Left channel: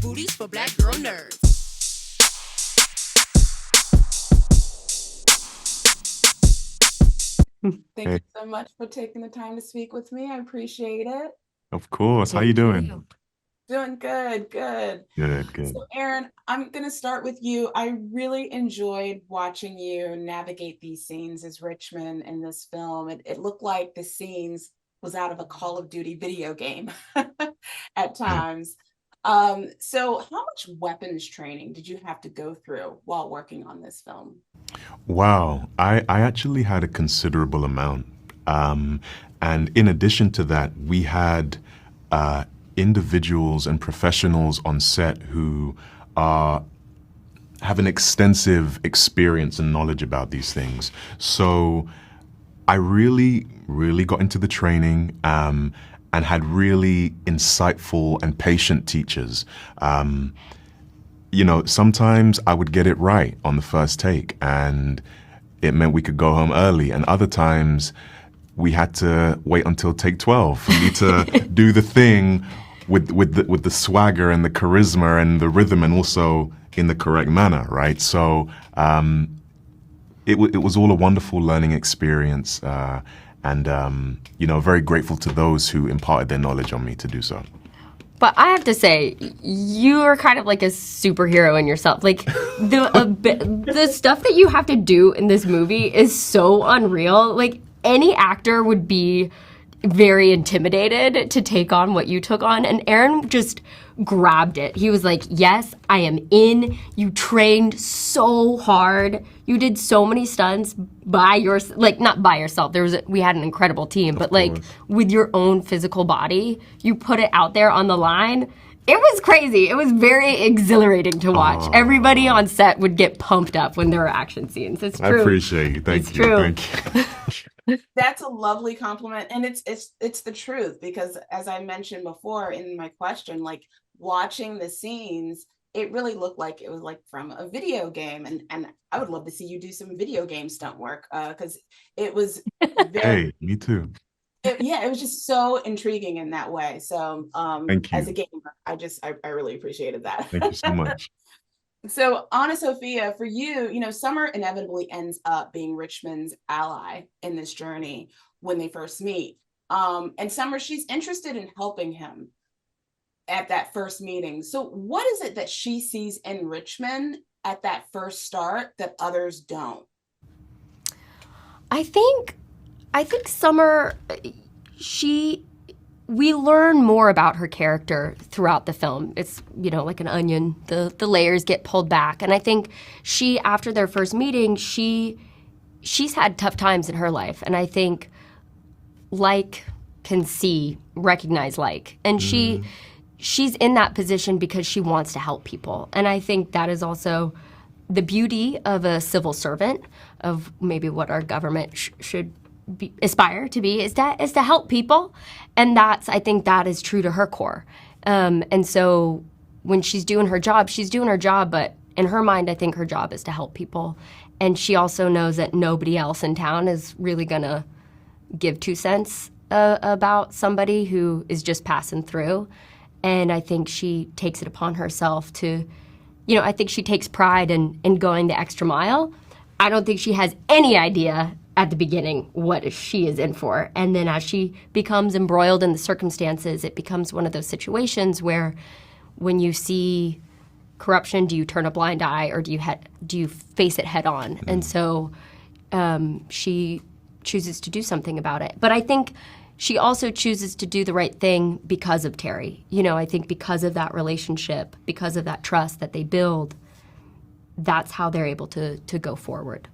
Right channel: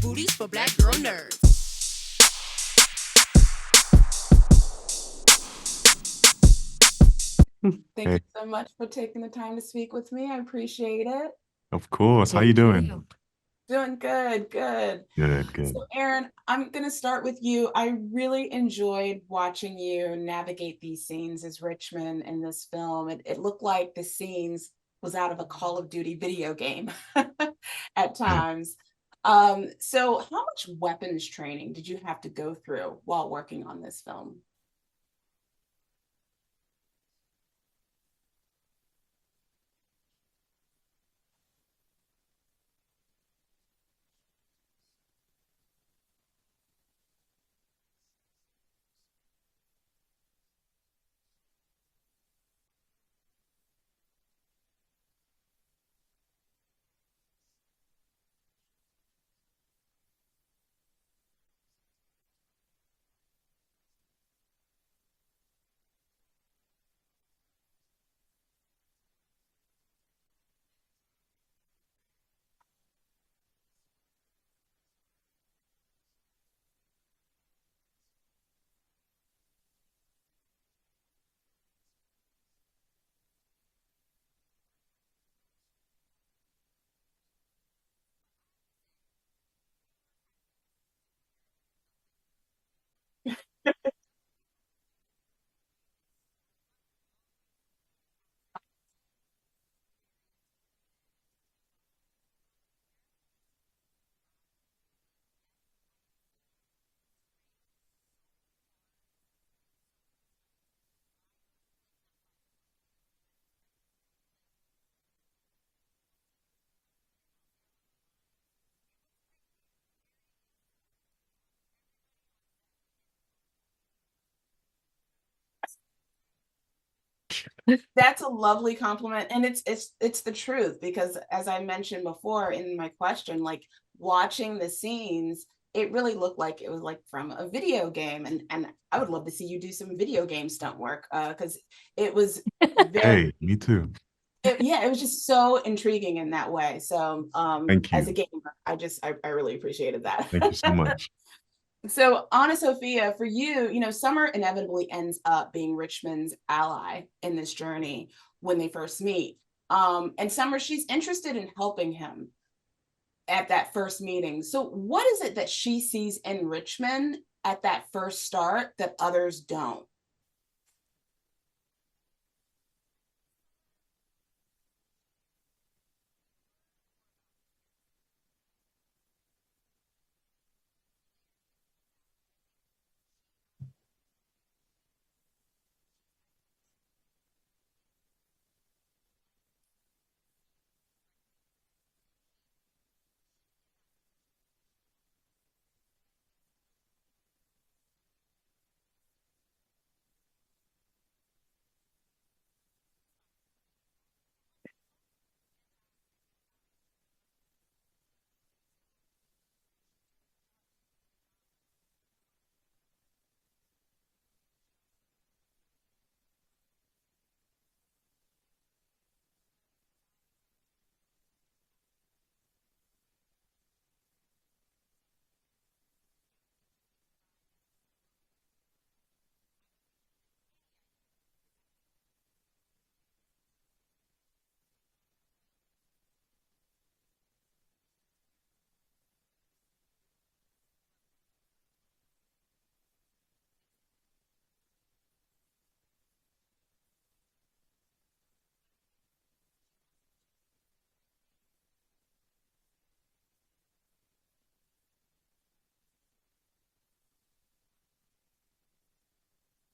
booties for black girl nerds. Thank you Hey, so much for taking the time to speak with me. I appreciate it. of course. How you doing? Doing good, good. Good, So, good. Aaron, I'm going to start with you. I really enjoyed watching you navigate these scenes as Richmond in this film. It looked like the scenes was out of a Call of Duty video game at times. So how much weapons training did you have to go through while working on this film? Wow, I actually had a considerable amount. Um, and in addition to that, we had uh, individuals and professionals on set who are have an extensive experience and knowledge about these things. So I really, really got into the training and had really insightful and patient teachers. Um, sometimes I would get it right on the first take, and it meant we could go home early. And other times we had to wait until take 12 for me to do the thing with the swagger and the charisma and the rhythm, and also in the correct manner, right? So it was all a wonderful learning experience, and very grateful to those who imparted their knowledge on me to do so. But I have to say, you are kind of like a superhero in yourself. Like the stuff that you have to do in this movie is so unreal. Like any actor would be very intimidated to take on what you took on, and Aaron just grabbed it. He was like, yes, I am in. You trained so hard. You did so many stunts by not by yourself. We had an incredible team, but like with your own physical body, you put it out there on the line. It was crazy. It was very exhilarating to watch. Everybody on set would get pumped up when there were action scenes. It's true. I appreciate you. Thank you. True. Thank you. That's a lovely compliment, and it's the truth, because as I mentioned before in my question, like watching the scenes, it really looked like it was like from a video game, and I would love to see you do some video game stunt work, because it was very Hey, me too. it was just so intriguing in that way. So Thank as a you. gamer, I really appreciated that. Thank you so much. So, AnnaSophia, for you, Summer inevitably ends up being Richmond's ally in this journey when they first meet. And Summer, she's interested in helping him at that first meeting. So, what is it that she sees in Richmond at that first start that others don't? I think Summer, we learn more about her character throughout the film. It's, like an onion, the layers get pulled back. And I think after their first meeting, she's had tough times in her life. And I think can recognize like. And she's in that position because she wants to help people. And I think that is also the beauty of a civil servant, of maybe what our government should aspire to be, is to help people. And I think that is true to her core. And so when she's doing her job, but in her mind, I think her job is to help people. And she also knows that nobody else in town is really going to give 2 cents about somebody who is just passing through. And I think she takes it upon herself to, I think she takes pride in going the extra mile. I don't think she has any idea at the beginning what she is in for. And then as she becomes embroiled in the circumstances, it becomes one of those situations where when you see corruption, do you turn a blind eye, or do you face it head on? Mm-hmm. And so she chooses to do something about it. But I think she also chooses to do the right thing because of Terry. I think because of that relationship, because of that trust that they build, that's how they're able to go forward.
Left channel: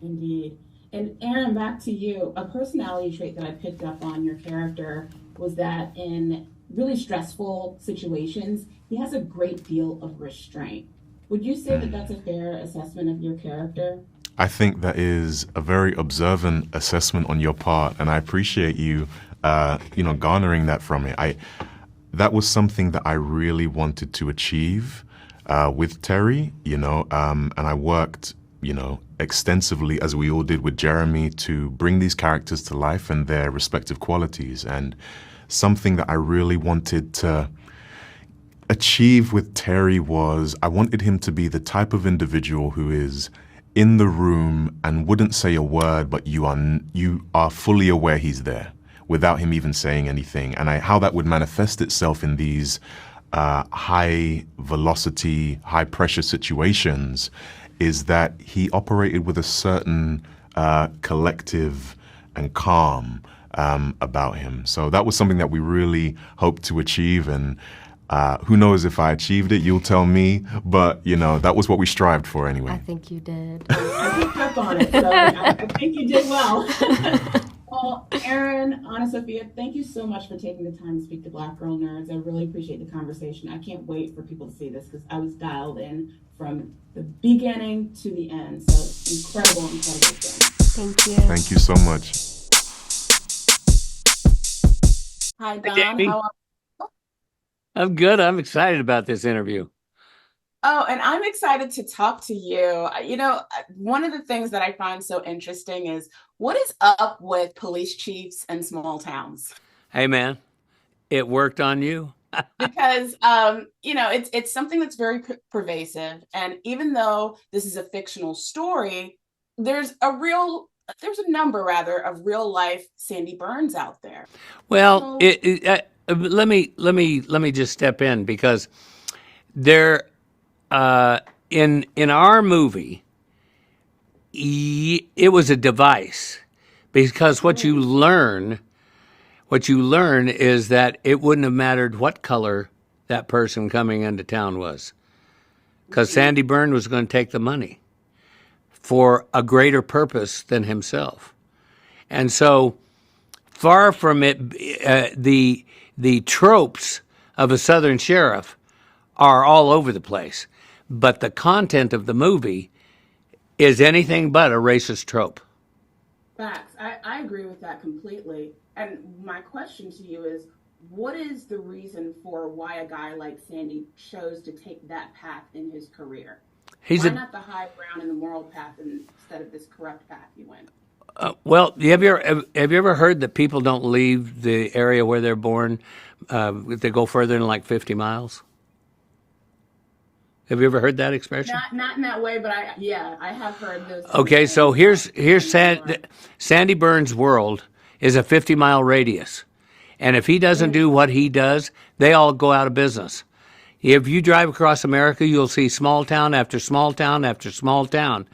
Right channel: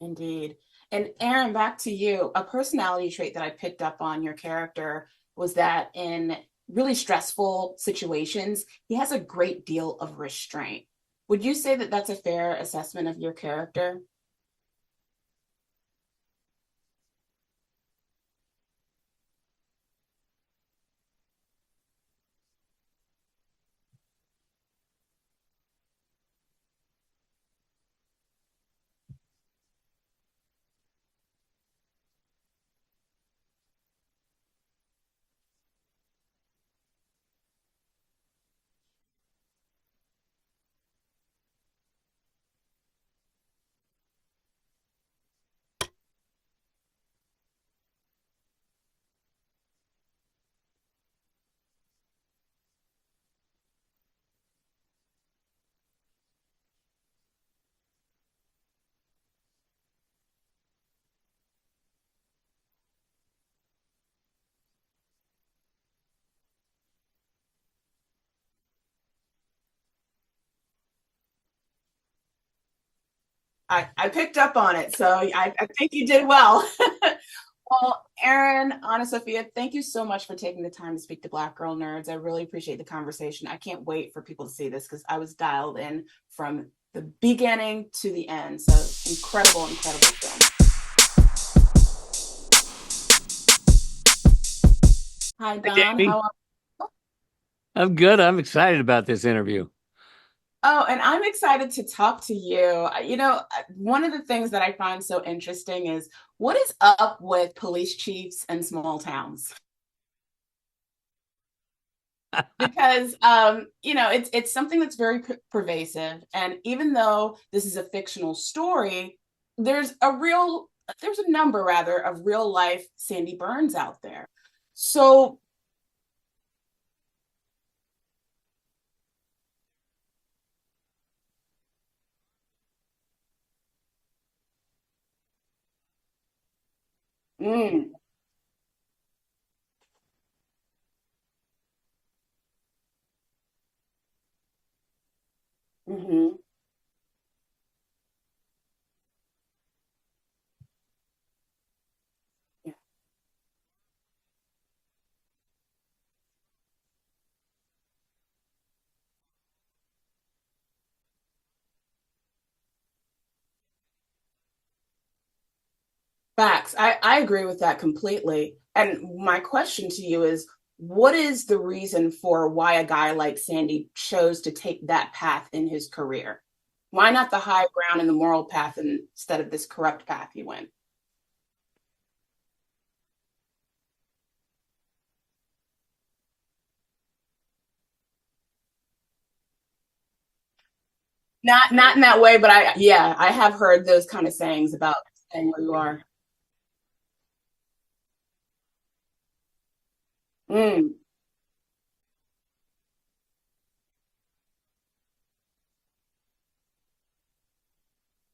Indeed. And Aaron, back to you. A personality trait that I picked up on your character was that in really stressful situations, he has a great deal of restraint. Would you say that that's a fair assessment of your character? I think that is a very observant assessment on your part, and I appreciate you, garnering that from me. That was something that I really wanted to achieve with Terry, and I worked, extensively, as we all did with Jeremy, to bring these characters to life and their respective qualities. And something that I really wanted to achieve with Terry was I wanted him to be the type of individual who is in the room and wouldn't say a word, but you are fully aware he's there without him even saying anything. And how that would manifest itself in these high velocity, high pressure situations is that he operated with a certain collective and calm about him. So that was something that we really hoped to achieve, and who knows if I achieved it, you'll tell me, but that was what we strived for anyway. I think you did. I picked up on it, so I think you did well. Well, Aaron, AnnaSophia, thank you so much for taking the time to speak to Black Girl Nerds. I really appreciate the conversation. I can't wait for people to see this because I was dialed in from the beginning to the end. So incredible film. Thank you. Thank you so much. Hi, Don. Jamie. How are you? I'm good. I'm excited about this interview. Oh, and I'm excited to talk to you. One of the things that I find so interesting is what is up with police chiefs in small towns? Hey, man, it worked on you. Because it's something that's very pervasive, and even though this is a fictional story, there's a number of real life Sandy Burnnes out there. Well, So- let me just step in because there in our movie it was a device because what you learn is that it wouldn't have mattered what color that person coming into town was, because Sandy Burnne was going to take the money for a greater purpose than himself. And so far from it, the tropes of a Southern sheriff are all over the place, but the content of the movie is anything but a racist trope. Facts. I agree with that completely. And my question to you is, what is the reason for why a guy like Sandy chose to take that path in his career? Why not the high ground and the moral path instead of this corrupt path he went? Well, have you ever heard that people don't leave the area where they're born if they go further than like 50 miles? Have you ever heard that expression? Not in that way, but I have heard those kind of Okay, sayings so here's about Sandy Burnne's world is a 50-mile radius. And if he doesn't do what he does, they all go out of business. If you drive across America, you'll see small town after small town after small town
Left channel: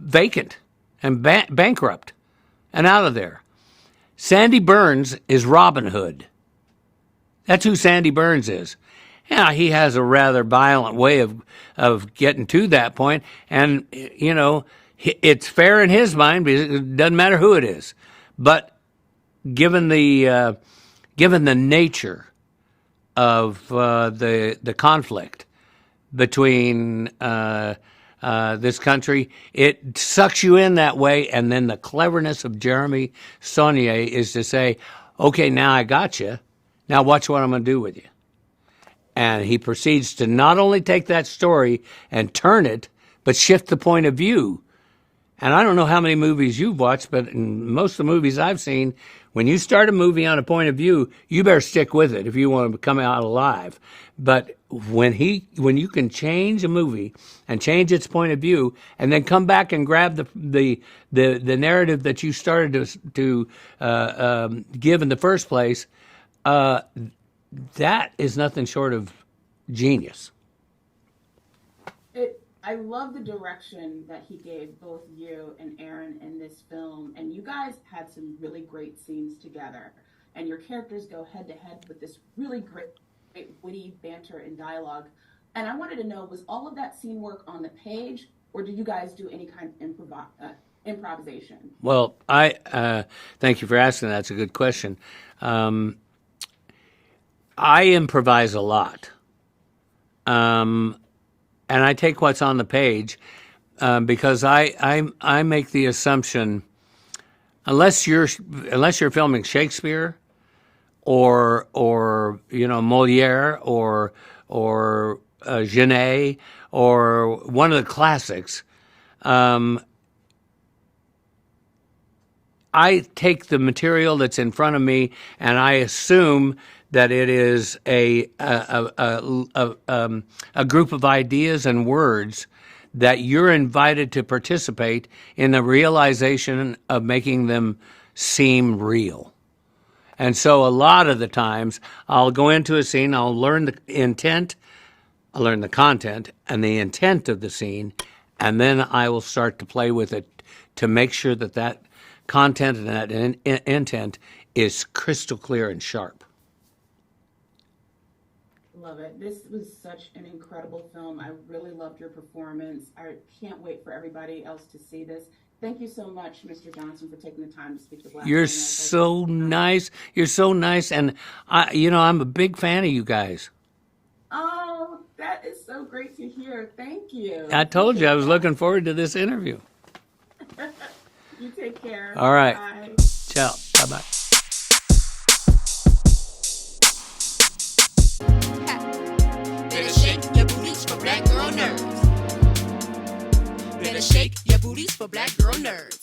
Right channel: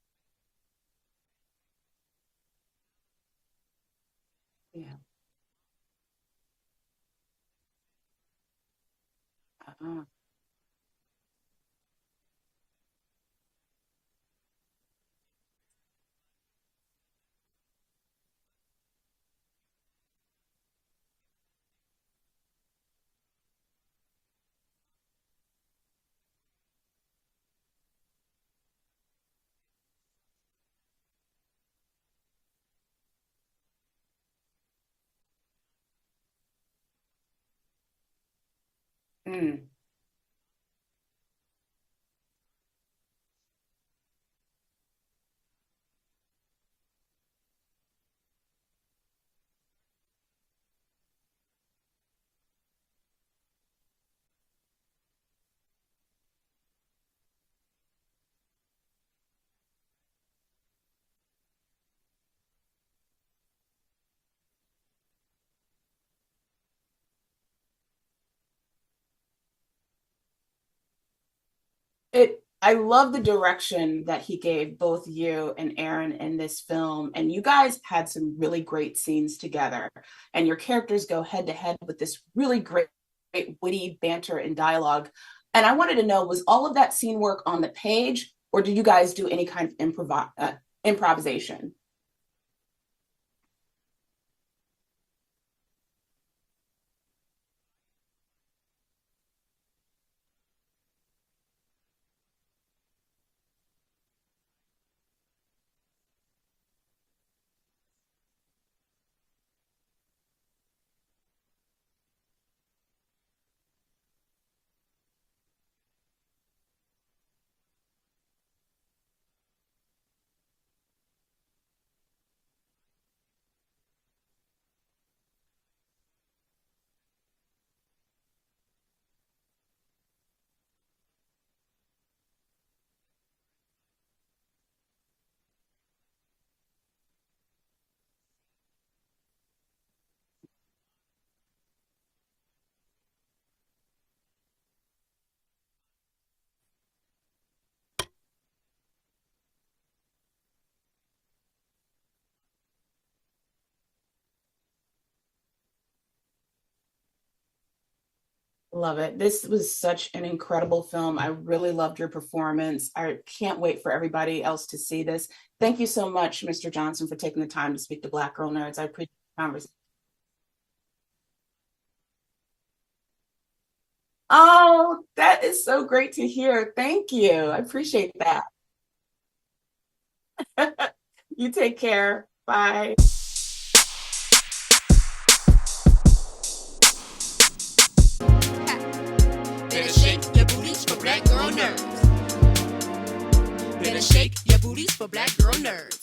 vacant and bankrupt and out of there. Sandy Burnne is Robin Hood. That's who Sandy Burnne is. Yeah, he has a rather violent way of getting to that point, and it's fair in his mind because it doesn't matter who it is. But given the nature of the conflict between this country, it sucks you in that way. And then the cleverness of Jeremy Saulnier is to say, okay, now I got you. Now watch what I'm going to do with you. And he proceeds to not only take that story and turn it, but shift the point of view. And I don't know how many movies you've watched, but in most of the movies I've seen, when you start a movie on a point of view, you better stick with it if you want to come out alive. But when you can change a movie and change its point of view, and then come back and grab the narrative that you started to give in the first place, that is nothing short of genius. I love the direction that he gave both you and Aaron in this film. And you guys had some really great scenes together. And your characters go head to head with this really great witty banter and dialogue. And I wanted to know, was all of that scene work on the page, or did you guys do any kind of improvisation? Well, I thank you for asking. That's a good question. I improvise a lot. And I take what's on the page because I make the assumption, unless you're filming Shakespeare or Molière or Genet or one of the classics, I take the material that's in front of me and I assume that it is a group of ideas and words that you're invited to participate in the realization of making them seem real. And so a lot of the times I'll go into a scene, I'll learn the intent, I'll learn the content and the intent of the scene, and then I will start to play with it to make sure that that content and that intent is crystal clear and sharp. Love it. This was such an incredible film. I really loved your performance. I can't wait for everybody else to see this. Thank you so much, Mr. Johnson, for taking the time to speak to Black You're owners. so nice. You're so nice. And, I'm a big fan of you guys. Oh, that is so great to hear. Thank you. I told you I was appreciate looking forward to this interview. that. You take care. All right. Bye. Ciao. Bye-bye. Better shake your booties for Black girl nerves. Better shake your booties for Black girl nerves.